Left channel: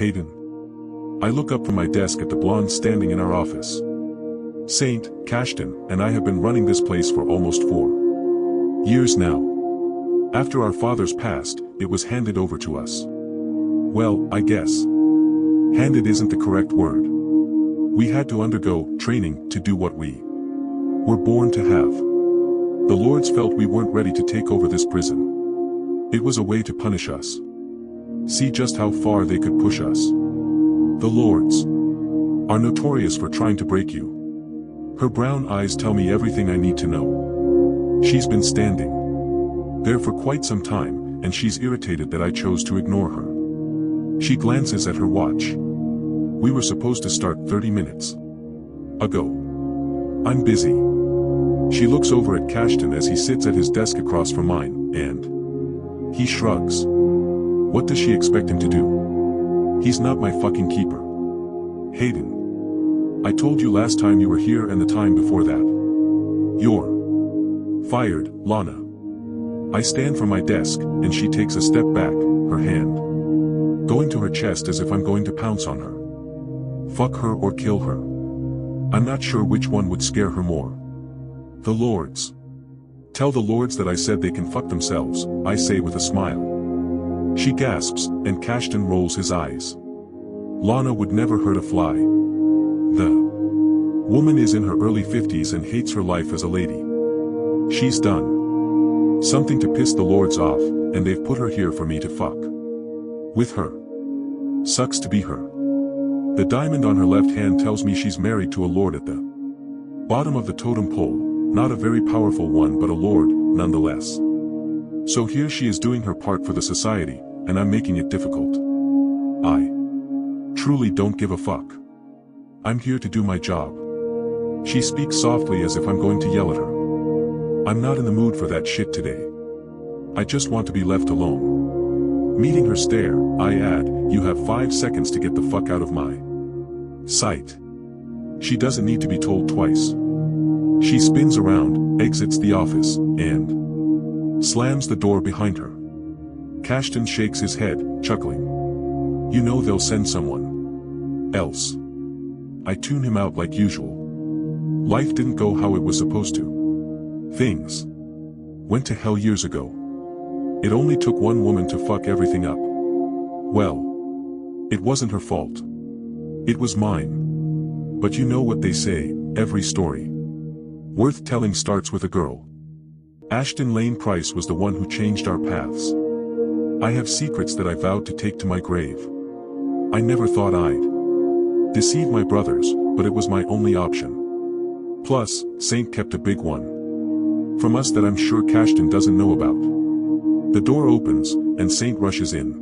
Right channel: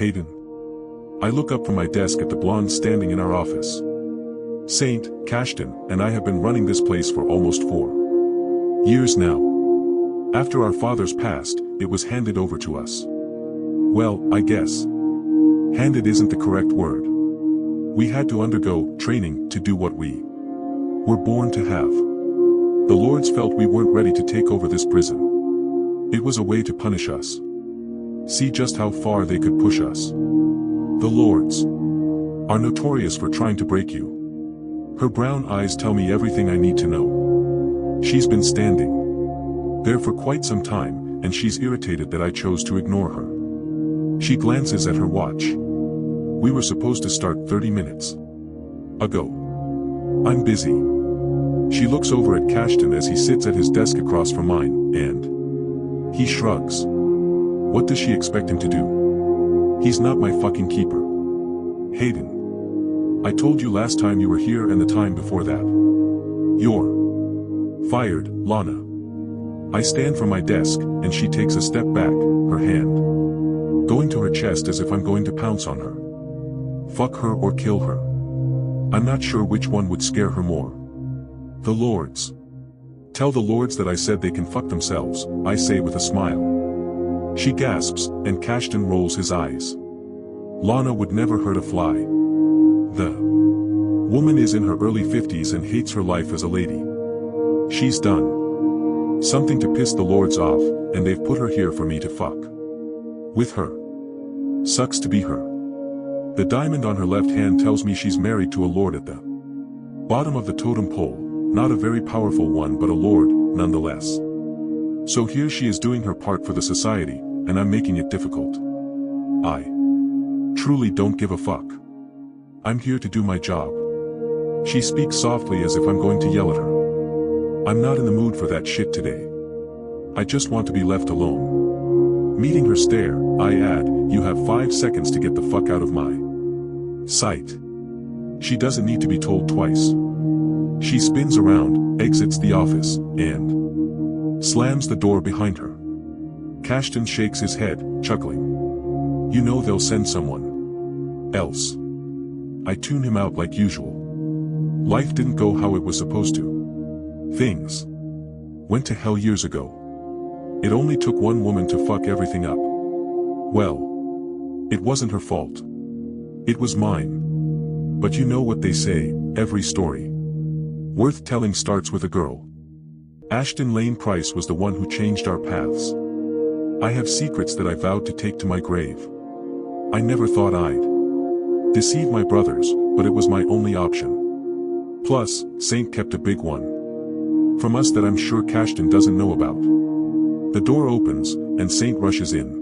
Haidyn. I look up from my desk at the blonde standing in our office. Saint, Kashton, and I have been running this place for almost 4 years now. After our fathers passed, it was handed over to us. Well, I guess. Handed isn't the correct word. We had to undergo training to do what we were born to have. The Lords felt we weren't ready to take over this prison. It was a way to punish us. See just how far they could push us. The Lords are notorious for trying to break you. Her brown eyes tell me everything I need to know. She's been standing there for quite some time, and she's irritated that I chose to ignore her. She glances at her watch. We were supposed to start 30 minutes ago. I'm busy. She looks over at Kashton as he sits at his desk across from mine, and he shrugs. What does she expect him to do? He's not my fucking keeper. Haidyn. I told you last time you were here and the time before that. You're fired, Lana. I stand from my desk, and she takes a step back, her hand going to her chest as if I'm going to pounce on her. Fuck her or kill her. I'm not sure which one would scare her more. The Lords. Tell the Lords that I said they can fuck themselves, I say with a smile. She gasps, and Kashton rolls his eyes. Lana would never hurt a fly. The woman is in her early 50s and hates her life as a lady. She's done something to piss the Lords off, and they've put her here for me to fuck with her. Sucks to be her. The diamond on her left hand tells me she's married to a lord at the bottom of the totem pole, not a very powerful one but a lord, nonetheless. So here she is doing her part for the society, and I'm making it difficult. I truly don't give a fuck. I'm here to do my job. She speaks softly as if I'm going to yell at her. I'm not in the mood for that shit today. I just want to be left alone. Meeting her stare, I add, you have 5 seconds to get the fuck out of my sight. She doesn't need to be told twice. She spins around, exits the office, and slams the door behind her. Kashton shakes his head, chuckling. You know they'll send someone else. I tune him out like usual. Life didn't go how it was supposed to. Things went to hell years ago. It only took one woman to fuck everything up. Well, it wasn't her fault. It was mine. But you know what they say, every story worth telling starts with a girl. Ashtyn Lane Price was the one who changed our paths. I have secrets that I vowed to take to my grave. I never thought I'd deceive my brothers, but it was my only option. Plus, Saint kept a big one from us that I'm sure Kashton doesn't know about. The door opens, and Saint rushes in.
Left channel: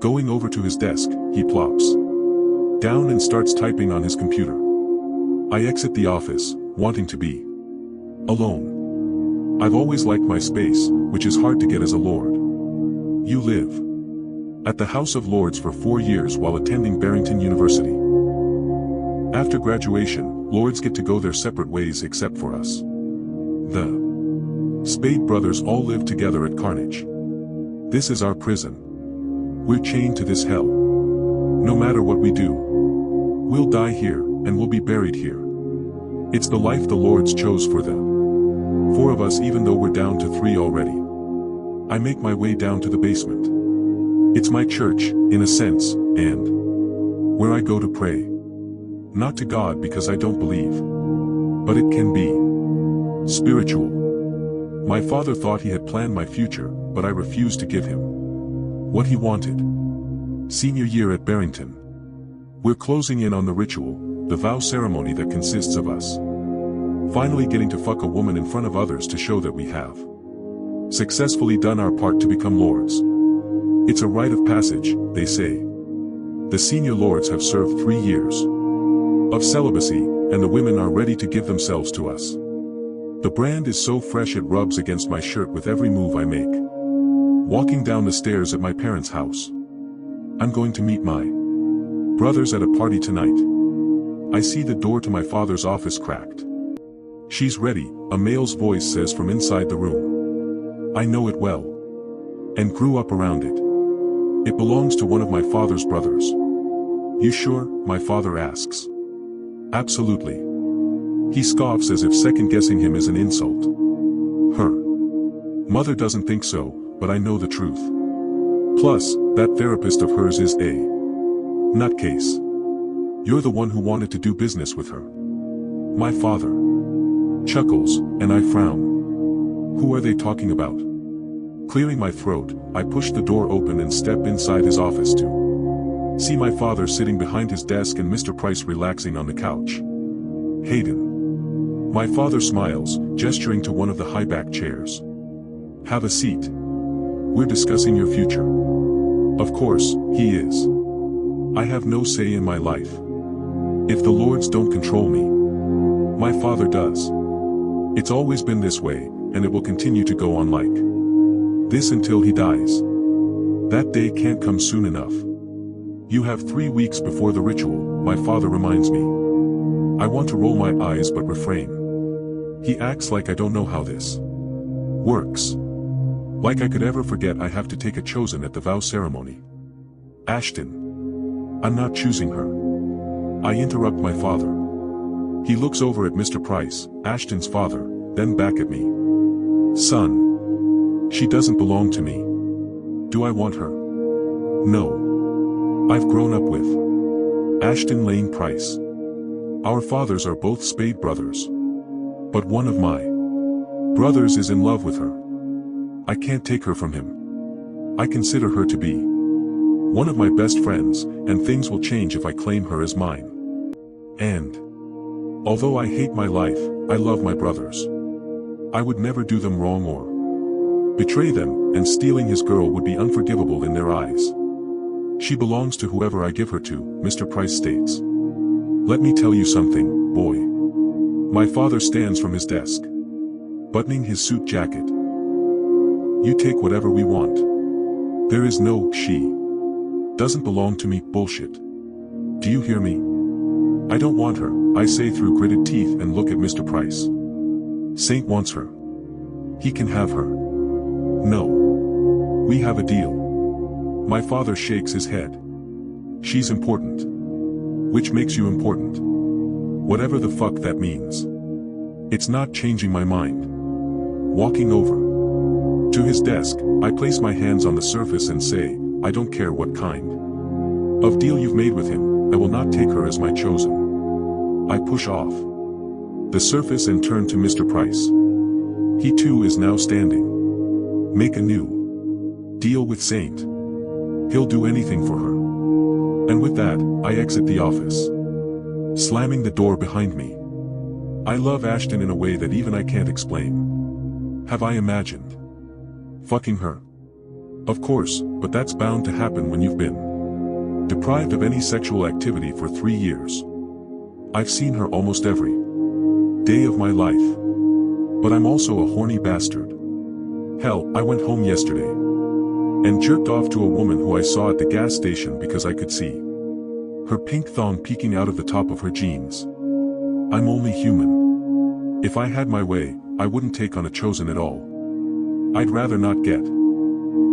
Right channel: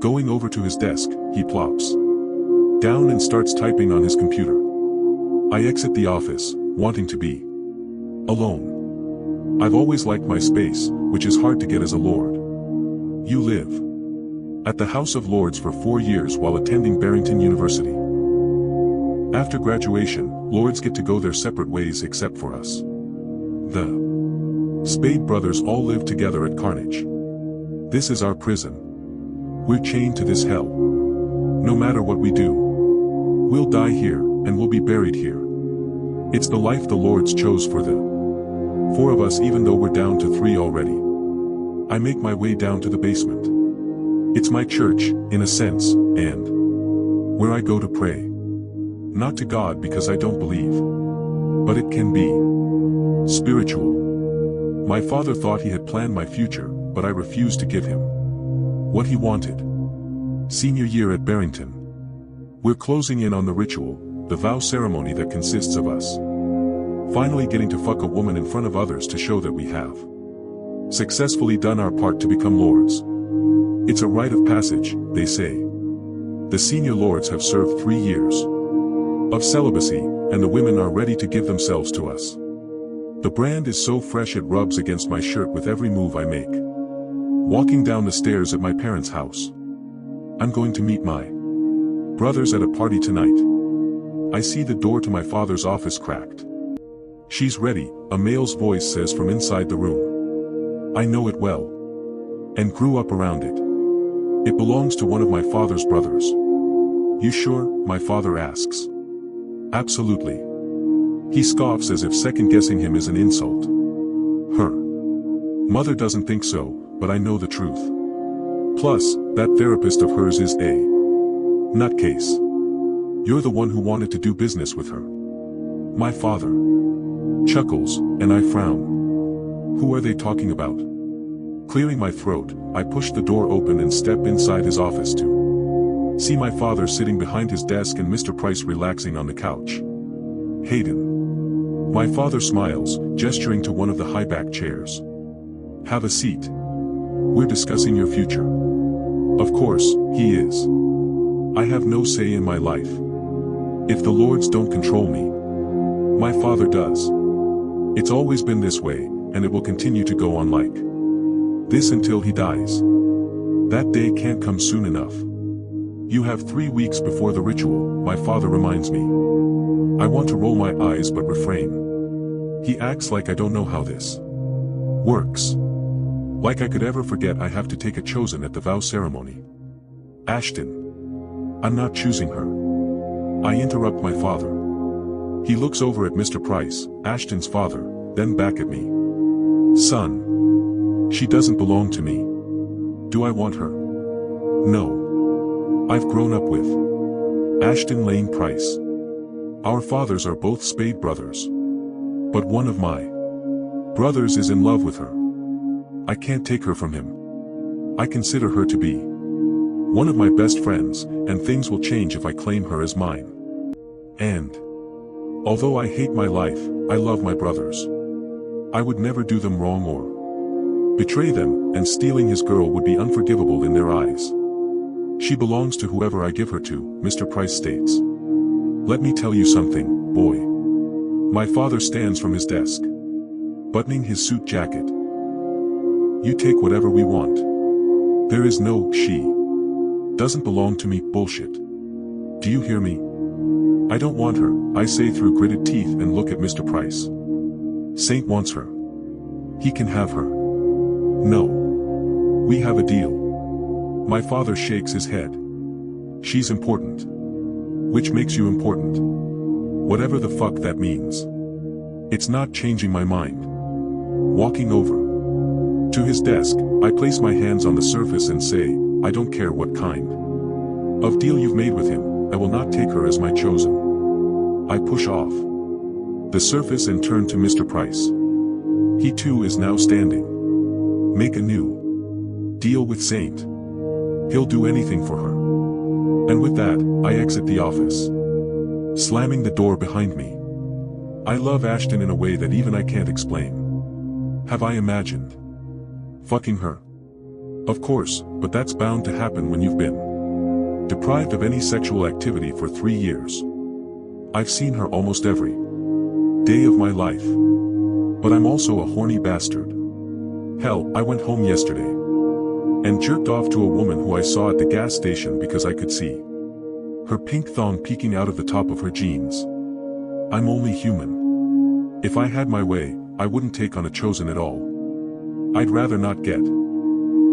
Going over to his desk, he plops down and starts typing on his computer. I exit the office, wanting to be alone. I've always liked my space, which is hard to get as a lord. You live at the House of Lords for 4 years while attending Barrington University. After graduation, Lords get to go their separate ways except for us. The Spade brothers all live together at Carnage. This is our prison. We're chained to this hell. No matter what we do, we'll die here, and we'll be buried here. It's the life the Lords chose for the 4 of us, even though we're down to 3 already. I make my way down to the basement. It's my church, in a sense, and where I go to pray. Not to God because I don't believe, but it can be spiritual. My father thought he had planned my future, but I refused to give him what he wanted. Senior year at Barrington. We're closing in on the ritual, the vow ceremony that consists of us finally getting to fuck a woman in front of others to show that we have successfully done our part to become lords. It's a rite of passage, they say. The senior lords have served 3 years of celibacy, and the women are ready to give themselves to us. The brand is so fresh it rubs against my shirt with every move I make. Walking down the stairs at my parents' house. I'm going to meet my brothers at a party tonight. I see the door to my father's office cracked. She's ready, a male's voice says from inside the room. I know it well. And grew up around it. It belongs to one of my father's brothers. You sure? My father asks. Absolutely. He scoffs as if second-guessing him is an insult. Her mother doesn't think so, but I know the truth. Plus, that therapist of hers is a nutcase. You're the one who wanted to do business with her. My father chuckles, and I frown. Who are they talking about? Clearing my throat, I push the door open and step inside his office to see my father sitting behind his desk and Mr. Price relaxing on the couch. Haidyn. My father smiles, gesturing to one of the high-back chairs. Have a seat. We're discussing your future. Of course, he is. I have no say in my life. If the lords don't control me, my father does. It's always been this way, and it will continue to go on like this until he dies. That day can't come soon enough. You have 3 weeks before the ritual, my father reminds me. I want to roll my eyes but refrain. He acts like I don't know how this works. Like I could ever forget I have to take a chosen at the vow ceremony. Ashtyn. I'm not choosing her. I interrupt my father. He looks over at Mr. Price, Ashtyn's father, then back at me. Son. She doesn't belong to me. Do I want her? No. I've grown up with Ashtyn Lane Price. Our fathers are both Spade brothers. But one of my brothers is in love with her. I can't take her from him. I consider her to be one of my best friends, and things will change if I claim her as mine. And although I hate my life, I love my brothers. I would never do them wrong or betray them, and stealing his girl would be unforgivable in their eyes. She belongs to whoever I give her to, Mr. Price states. Let me tell you something, boy. My father stands from his desk, buttoning his suit jacket. You take whatever we want. There is no she doesn't belong to me bullshit. Do you hear me? I don't want her, I say through gritted teeth and look at Mr. Price. Saint wants her. He can have her. No. We have a deal. My father shakes his head. She's important. Which makes you important. Whatever the fuck that means. It's not changing my mind. Walking over to his desk, I place my hands on the surface and say, I don't care what kind of deal you've made with him, I will not take her as my chosen. I push off the surface and turn to Mr. Price. He too is now standing. Make a new deal with Saint. He'll do anything for her. And with that, I exit the office, slamming the door behind me. I love Ashtyn in a way that even I can't explain. Have I imagined fucking her? Of course, but that's bound to happen when you've been deprived of any sexual activity for 3 years. I've seen her almost every day of my life. But I'm also a horny bastard. Hell, I went home yesterday and jerked off to a woman who I saw at the gas station because I could see her pink thong peeking out of the top of her jeans. I'm only human. If I had my way, I wouldn't take on a chosen at all. I'd rather not get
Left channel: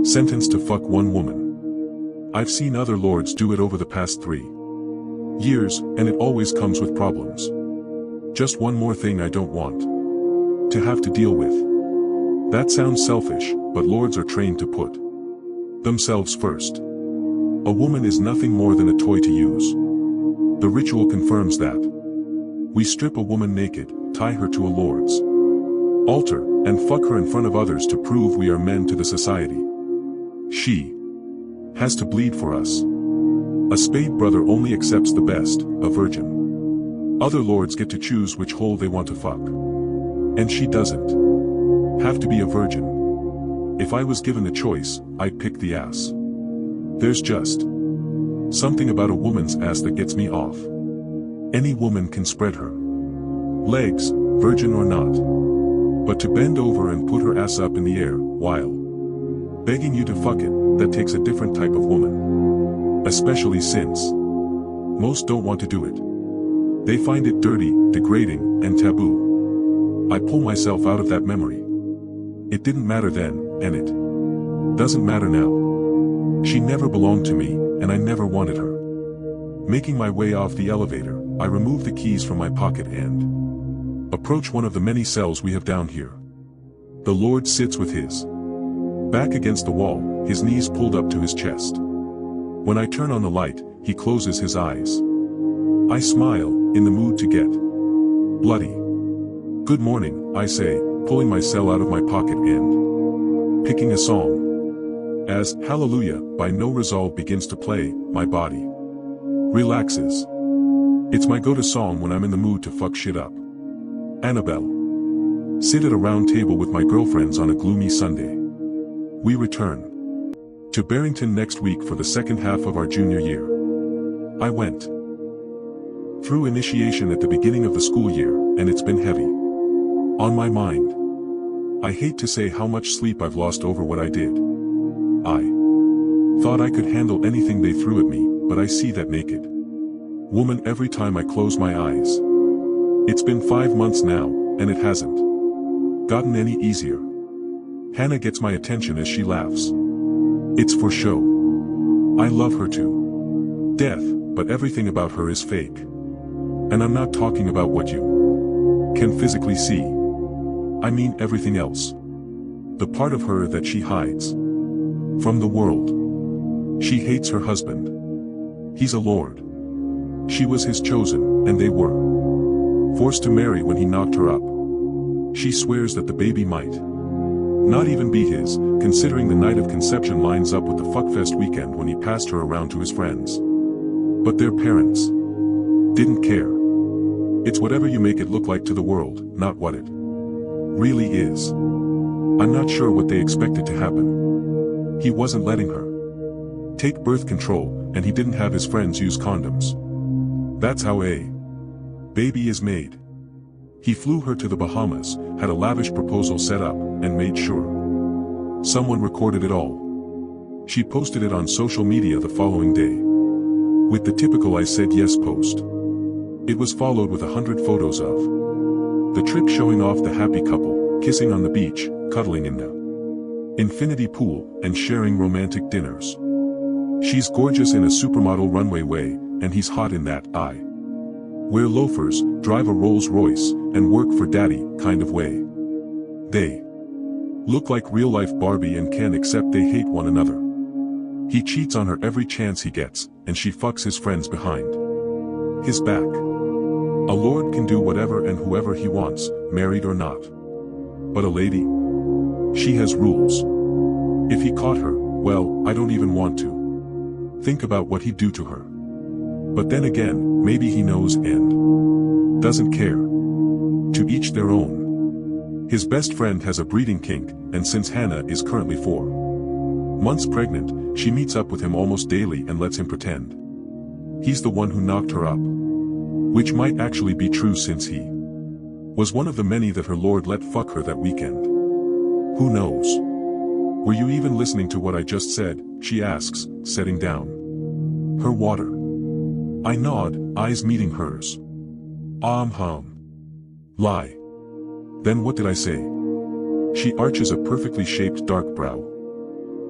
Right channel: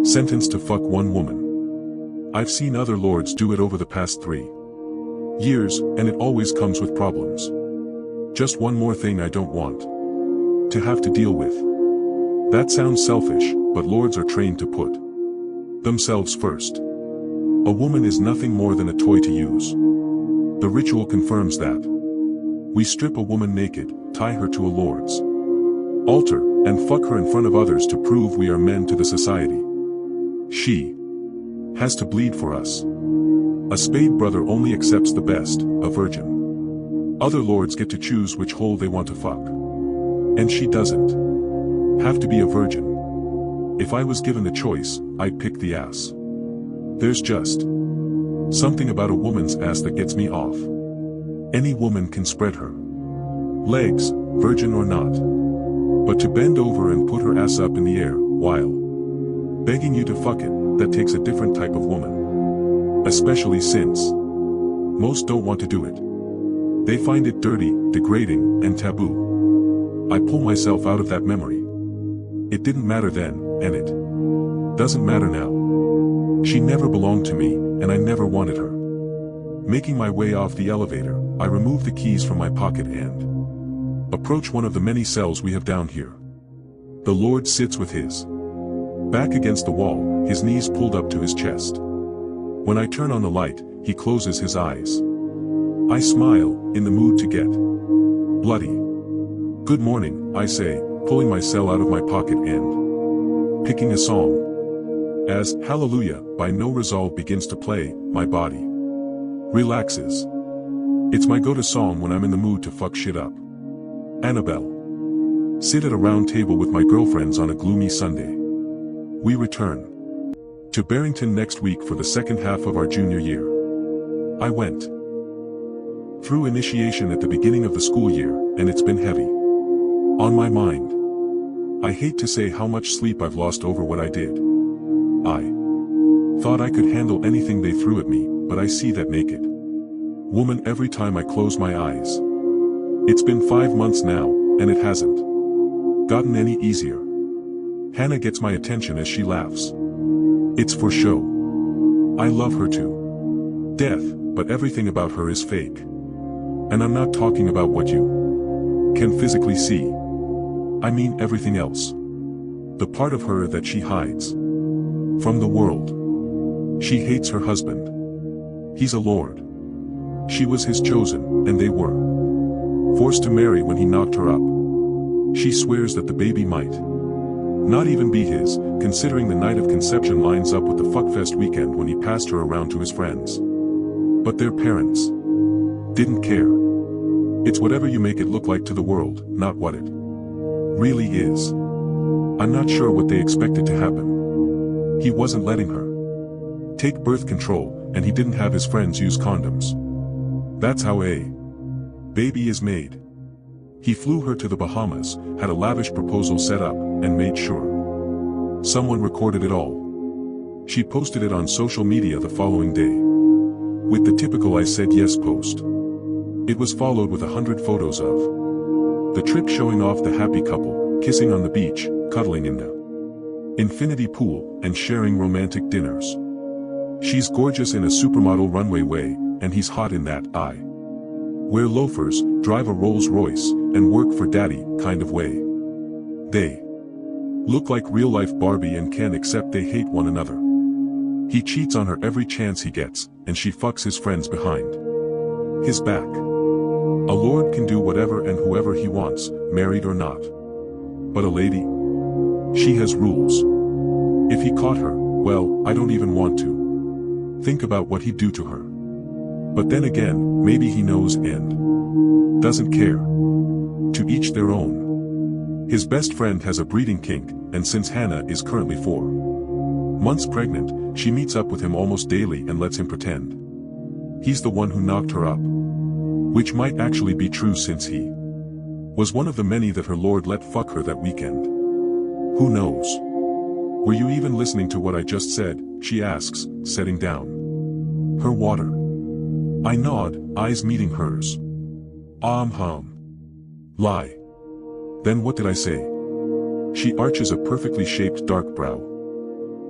sentenced to fuck one woman. I've seen other lords do it over the past 3 years, and it always comes with problems. Just one more thing I don't want to have to deal with. That sounds selfish, but lords are trained to put themselves first. A woman is nothing more than a toy to use. The ritual confirms that. We strip a woman naked, tie her to a lord's altar, and fuck her in front of others to prove we are men to the society. She has to bleed for us. A Spade brother only accepts the best, a virgin. Other lords get to choose which hole they want to fuck. And she doesn't have to be a virgin. If I was given the choice, I'd pick the ass. There's just something about a woman's ass that gets me off. Any woman can spread her legs, virgin or not. But to bend over and put her ass up in the air, while begging you to fuck it, that takes a different type of woman. Especially since most don't want to do it. They find it dirty, degrading, and taboo. I pull myself out of that memory. It didn't matter then, and it doesn't matter now. She never belonged to me, and I never wanted her. Making my way off the elevator, I remove the keys from my pocket and approach one of the many cells we have down here. The Lord sits with his back against the wall, his knees pulled up to his chest. When I turn on the light, he closes his eyes. I smile, in the mood to get bloody. Good morning, I say, pulling my cell out of my pocket and picking a song. As Hallelujah by No Resolve begins to play, my body relaxes. It's my go-to song when I'm in the mood to fuck shit up. Annabelle. Sit at a round table with my girlfriends on a gloomy Sunday. We return to Barrington next week for the second half of our junior year. I went through initiation at the beginning of the school year, and it's been heavy on my mind. I hate to say how much sleep I've lost over what I did. I thought I could handle anything they threw at me, but I see that naked woman every time I close my eyes. It's been 5 months now, and it hasn't gotten any easier. Hannah gets my attention as she laughs. It's for show. I love her to death, but everything about her is fake. And I'm not talking about what you can physically see. I mean everything else. The part of her that she hides from the world. She hates her husband. He's a lord. She was his chosen, and they were forced to marry when he knocked her up. She swears that the baby might not even be his, considering the night of conception lines up with the fuckfest weekend when he passed her around to his friends. But their parents didn't care. It's whatever you make it look like to the world, not what it really is. I'm not sure what they expected to happen. He wasn't letting her take birth control, and he didn't have his friends use condoms. That's how a baby is made. He flew her to the Bahamas, had a lavish proposal set up, and made sure someone recorded it all. She posted it on social media the following day, with the typical I said yes post. It was followed with 100 photos of the trip, showing off the happy couple, kissing on the beach, cuddling in the infinity pool, and sharing romantic dinners. She's gorgeous in a supermodel runway way, and he's hot in that I wear loafers, drive a Rolls Royce, and work for daddy kind of way. They look like real-life Barbie and Ken, except they hate one another. He cheats on her every chance he gets, and she fucks his friends behind his back. A lord can do whatever and whoever he wants, married or not. But a lady? She has rules. If he caught her, well, I don't even want to think about what he'd do to her. But then again, maybe he knows and doesn't care. To each their own. His best friend has a breeding kink, and since Hannah is currently 4 months pregnant, she meets up with him almost daily and lets him pretend he's the one who knocked her up. Which might actually be true, since he was one of the many that her lord let fuck her that weekend. Who knows? Were you even listening to what I just said? She asks, setting down her water. I nod, eyes meeting hers. Lie. Then what did I say? She arches a perfectly shaped dark brow.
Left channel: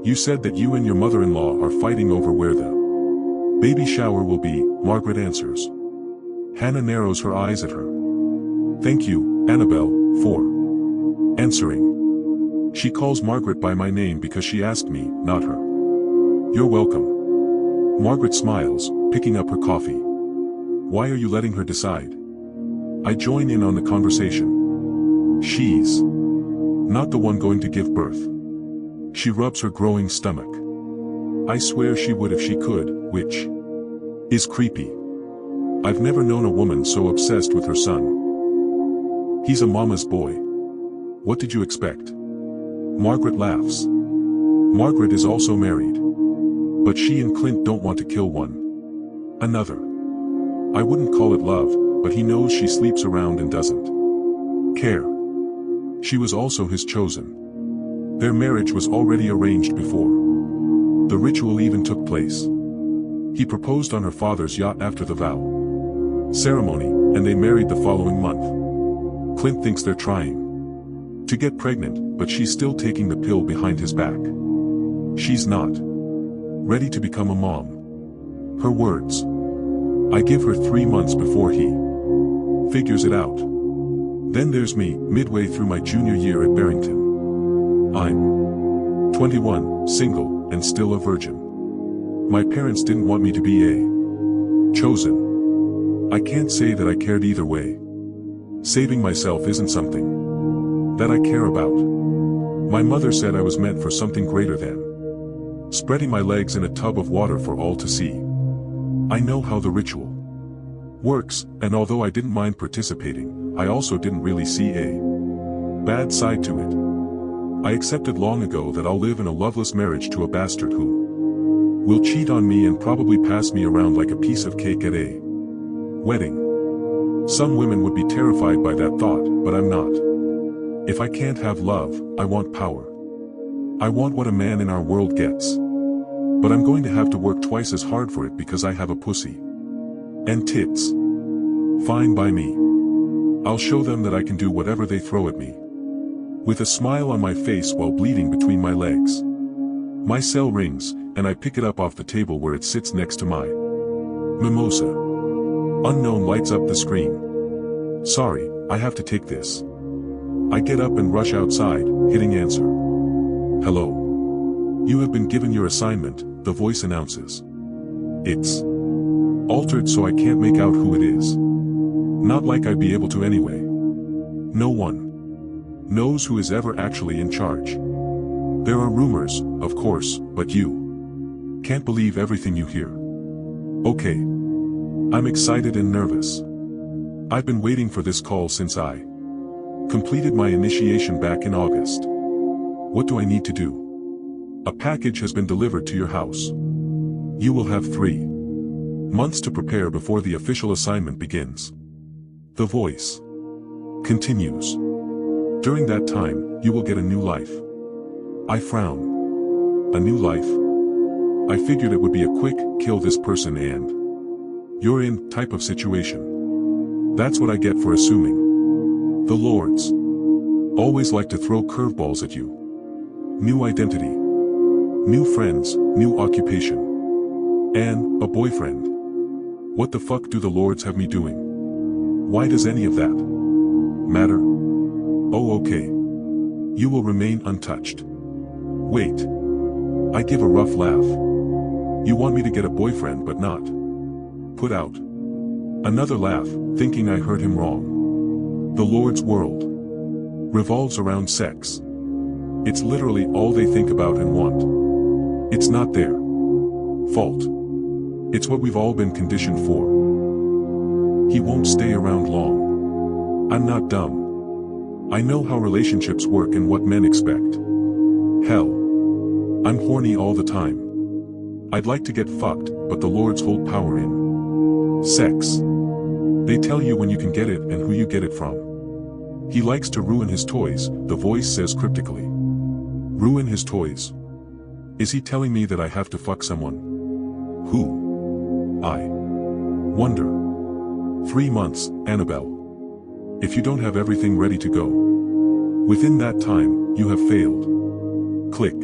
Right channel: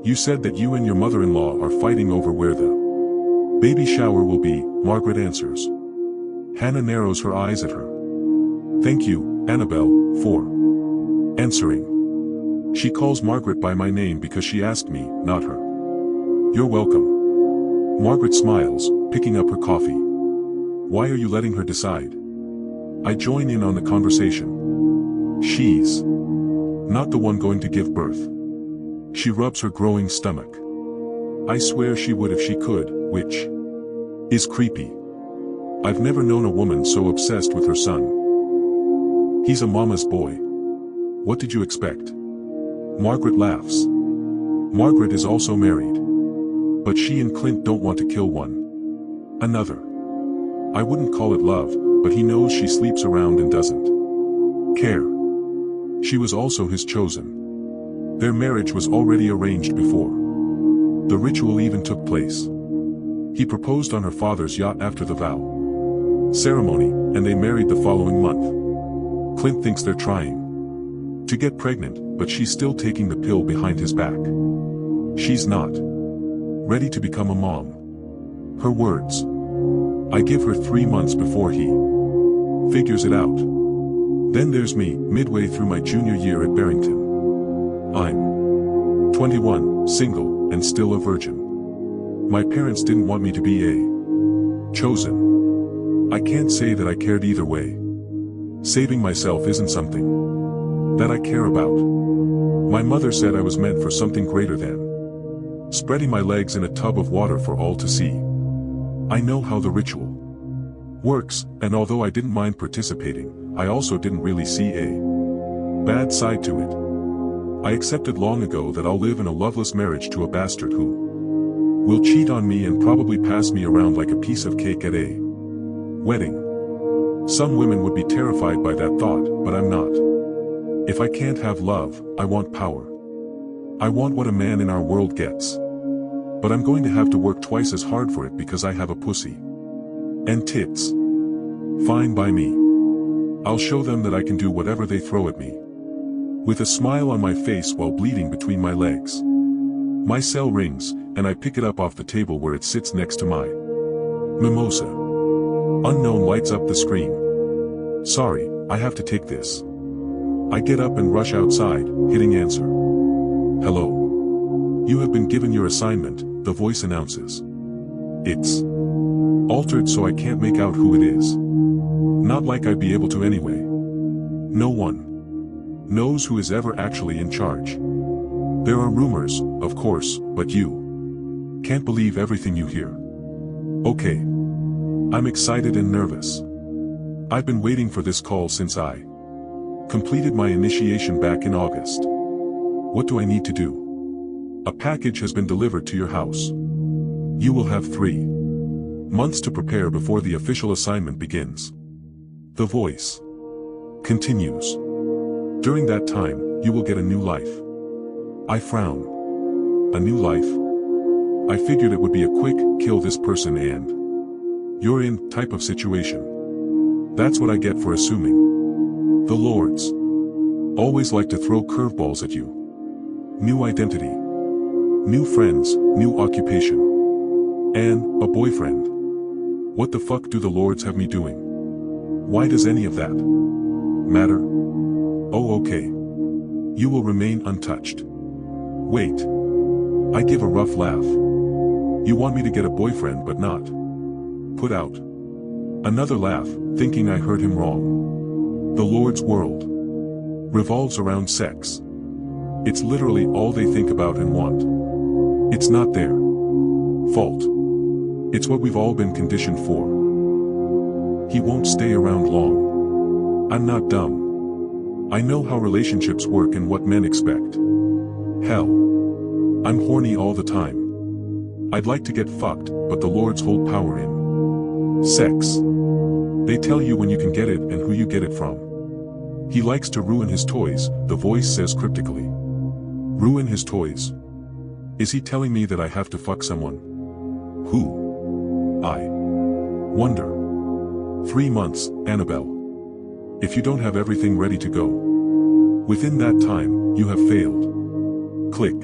You said that you and your mother-in-law are fighting over where the baby shower will be, Margaret answers. Hannah narrows her eyes at her. Thank you, Annabelle, for answering. She calls Margaret by my name because she asked me, not her. You're welcome. Margaret smiles, picking up her coffee. Why are you letting her decide? I join in on the conversation. She's not the one going to give birth. She rubs her growing stomach. I swear she would if she could, which is creepy. I've never known a woman so obsessed with her son. He's a mama's boy. What did you expect? Margaret laughs. Margaret is also married. But she and Clint don't want to kill one another. I wouldn't call it love, but he knows she sleeps around and doesn't care. She was also his chosen. Their marriage was already arranged before the ritual even took place. He proposed on her father's yacht after the vow ceremony, and they married the following month. Clint thinks they're trying to get pregnant, but she's still taking the pill behind his back. She's not ready to become a mom. Her words. I give her 3 months before he figures it out. Then there's me, midway through my junior year at Barrington. I'm 21, single, and still a virgin. My parents didn't want me to be a chosen. I can't say that I cared either way. Saving myself isn't something that I care about. My mother said I was meant for something greater than spreading my legs in a tub of water for all to see. I know how the ritual works, and although I didn't mind participating, I also didn't really see a bad side to it. I accepted long ago that I'll live in a loveless marriage to a bastard who will cheat on me and probably pass me around like a piece of cake at a wedding. Some women would be terrified by that thought, but I'm not. If I can't have love, I want power. I want what a man in our world gets. But I'm going to have to work twice as hard for it because I have a pussy and tits. Fine by me. I'll show them that I can do whatever they throw at me. With a smile on my face while bleeding between my legs. My cell rings, and I pick it up off the table where it sits next to my mimosa. Unknown lights up the screen. Sorry, I have to take this. I get up and rush outside, hitting answer. Hello. You have been given your assignment, the voice announces. It's altered so I can't make out who it is. Not like I'd be able to anyway. No one knows who is ever actually in charge. There are rumors, of course, but you can't believe everything you hear. Okay. I'm excited and nervous. I've been waiting for this call since I completed my initiation back in August. What do I need to do? A package has been delivered to your house. You will have 3 months to prepare before the official assignment begins. The voice continues. During that time, you will get a new life. I frown. A new life? I figured it would be a quick, kill this person and you're in type of situation. That's what I get for assuming. The Lords always like to throw curveballs at you. New identity. New friends, new occupation. And a boyfriend. What the fuck do the Lords have me doing? Why does any of that matter? Oh, okay. You will remain untouched. Wait. I give a rough laugh. You want me to get a boyfriend but not put out. Another laugh, thinking I heard him wrong. The Lord's world revolves around sex. It's literally all they think about and want. It's not their fault. It's what we've all been conditioned for. He won't stay around long. I'm not dumb. I know how relationships work and what men expect. Hell. I'm horny all the time. I'd like to get fucked, but the Lords hold power in sex. They tell you when you can get it and who you get it from. He likes to ruin his toys, the voice says cryptically. Ruin his toys? Is he telling me that I have to fuck someone? Who? I wonder. 3 months, Annabelle. If you don't have everything ready to go within that time, you have failed. Click.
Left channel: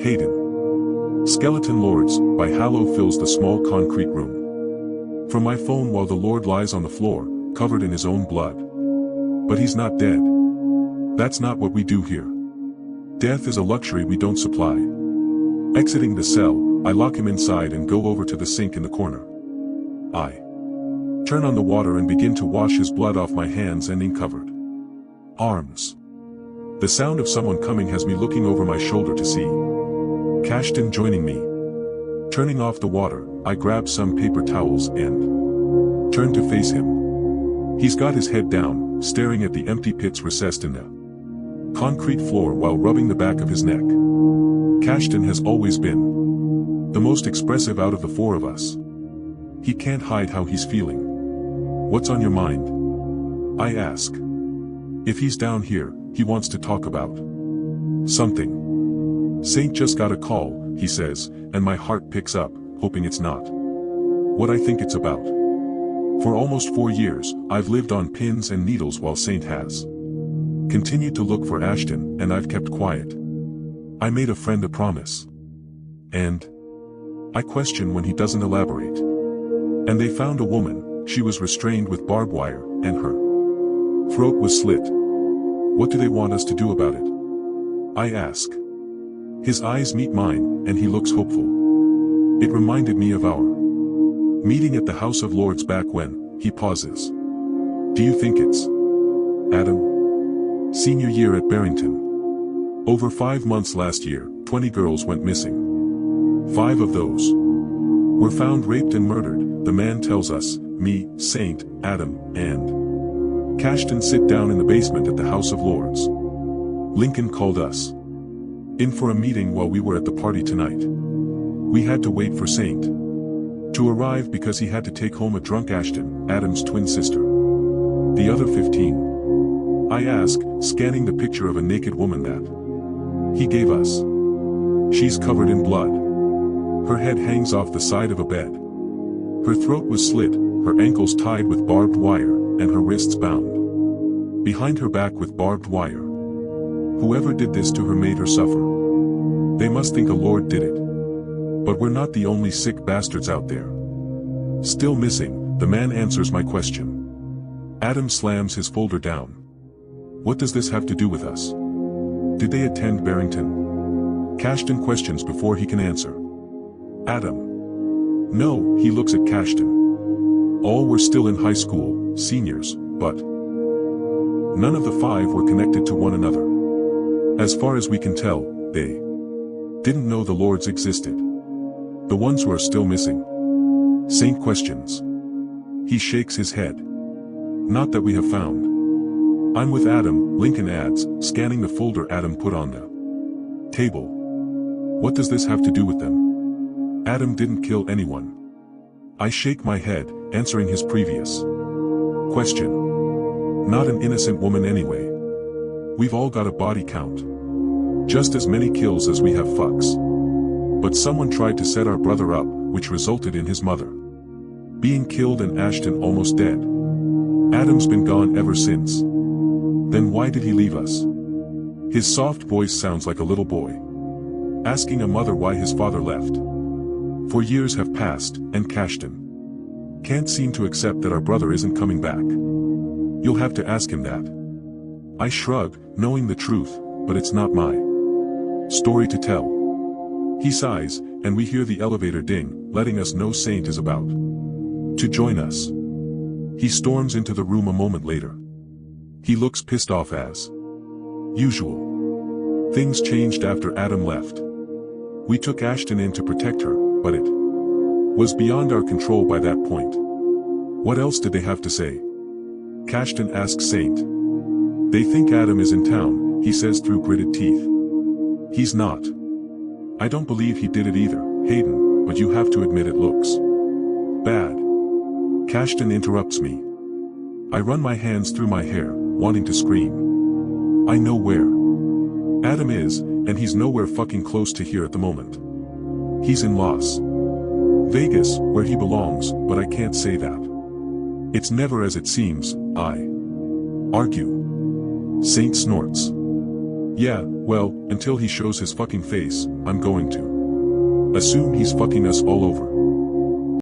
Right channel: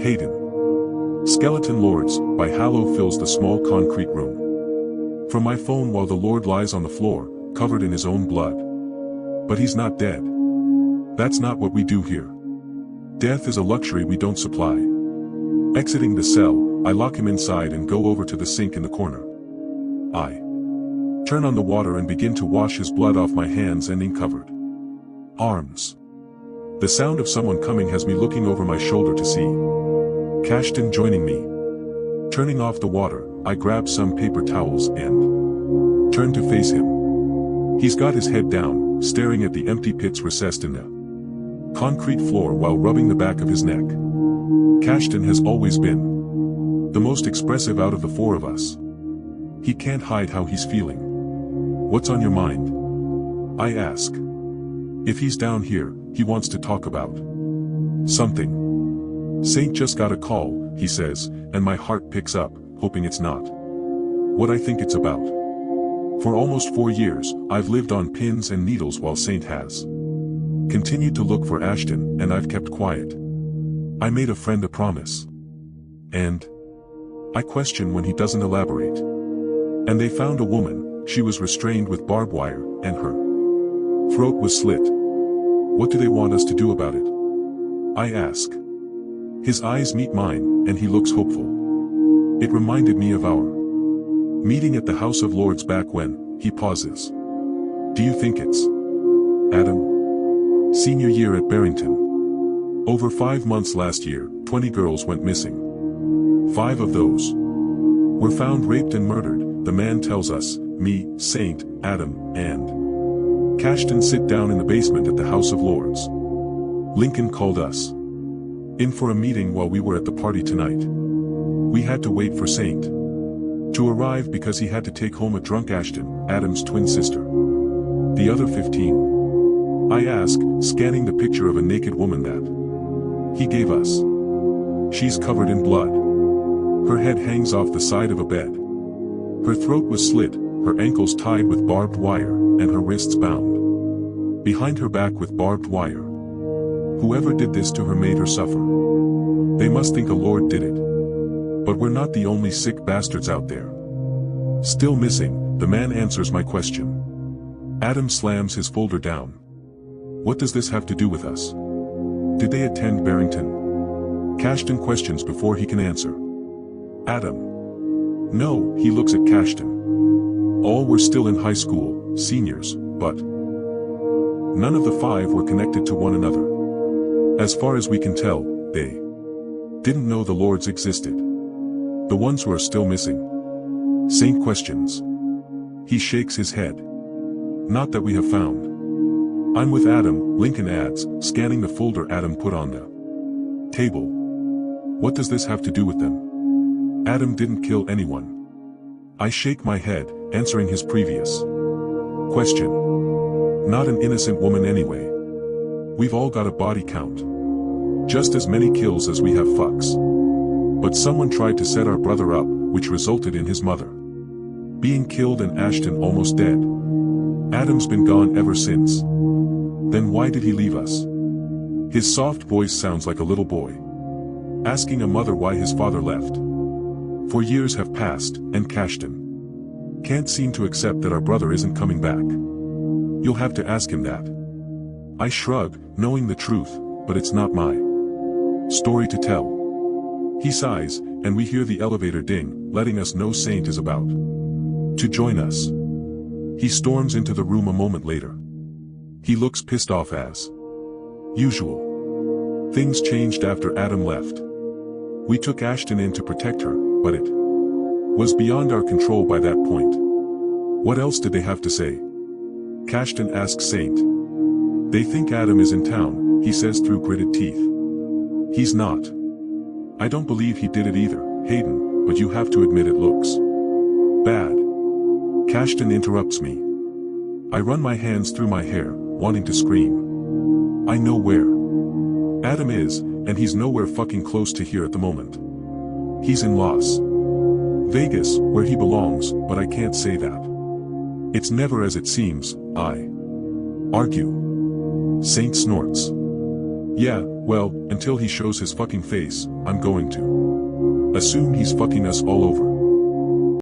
Haidyn. Skeleton Lords, by Hallow fills the small concrete room. From my phone while the Lord lies on the floor, covered in his own blood. But he's not dead. That's not what we do here. Death is a luxury we don't supply. Exiting the cell, I lock him inside and go over to the sink in the corner. I turn on the water and begin to wash his blood off my hands ending covered arms. The sound of someone coming has me looking over my shoulder to see Kashton joining me. Turning off the water, I grab some paper towels and turn to face him. He's got his head down, staring at the empty pits recessed in the concrete floor while rubbing the back of his neck. Kashton has always been the most expressive out of the 4 of us. He can't hide how he's feeling. What's on your mind? I ask. If he's down here, he wants to talk about something. Saint just got a call, he says, and my heart picks up, hoping it's not what I think it's about. For almost 4 years, I've lived on pins and needles while Saint has continued to look for Ashtyn, and I've kept quiet. I made a friend a promise. And I question when he doesn't elaborate. And they found a woman, she was restrained with barbed wire, and her throat was slit. What do they want us to do about it? I ask. His eyes meet mine, and he looks hopeful. It reminded me of our meeting at the House of Lords back when. He pauses. Do you think it's Adam? Senior year at Barrington. Over 5 months last year, 20 girls went missing. 5 of those were found raped and murdered, the man tells us. Me, Saint, Adam, and Kashton sit down in the basement at the House of Lords. Lincoln called us in for a meeting while we were at the party tonight. We had to wait for Saint to arrive because he had to take home a drunk Ashtyn, Adam's twin sister. The other 15? I ask, scanning the picture of a naked woman that he gave us. She's covered in blood. Her head hangs off the side of a bed. Her throat was slit, her ankles tied with barbed wire, and her wrists bound behind her back with barbed wire. Whoever did this to her made her suffer. They must think a Lord did it. But we're not the only sick bastards out there. Still missing, the man answers my question. Adam slams his folder down. What does this have to do with us? Did they attend Barrington? Kashton questions before he can answer. Adam. No, he looks at Kashton. All were still in high school, seniors, but none of the 5 were connected to one another. As far as we can tell, they didn't know the Lords existed. The ones who are still missing? Saint questions. He shakes his head. Not that we have found. I'm with Adam, Lincoln adds, scanning the folder Adam put on the table. What does this have to do with them? Adam didn't kill anyone. I shake my head, answering his previous question. Not an innocent woman anyway. We've all got a body count. Just as many kills as we have fucks. But someone tried to set our brother up, which resulted in his mother being killed and Ashtyn almost dead. Adam's been gone ever since. Then why did he leave us? His soft voice sounds like a little boy asking a mother why his father left. For years have passed, and Kashton can't seem to accept that our brother isn't coming back. You'll have to ask him that. I shrug, knowing the truth, but it's not my story to tell. He sighs, and we hear the elevator ding, letting us know Saint is about to join us. He storms into the room a moment later. He looks pissed off as usual. Things changed after Adam left. We took Ashtyn in to protect her, but it was beyond our control by that point. What else did they have to say? Kashton asks Saint. They think Adam is in town, he says through gritted teeth. He's not. I don't believe he did it either, Haidyn, but you have to admit it looks bad. Kashton interrupts me. I run my hands through my hair, wanting to scream. I know where Adam is, and he's nowhere fucking close to here at the moment. He's in Las Vegas, where he belongs, but I can't say that. It's never as it seems, I argue. Saint snorts. Yeah, well, until he shows his fucking face, I'm going to assume he's fucking us all over.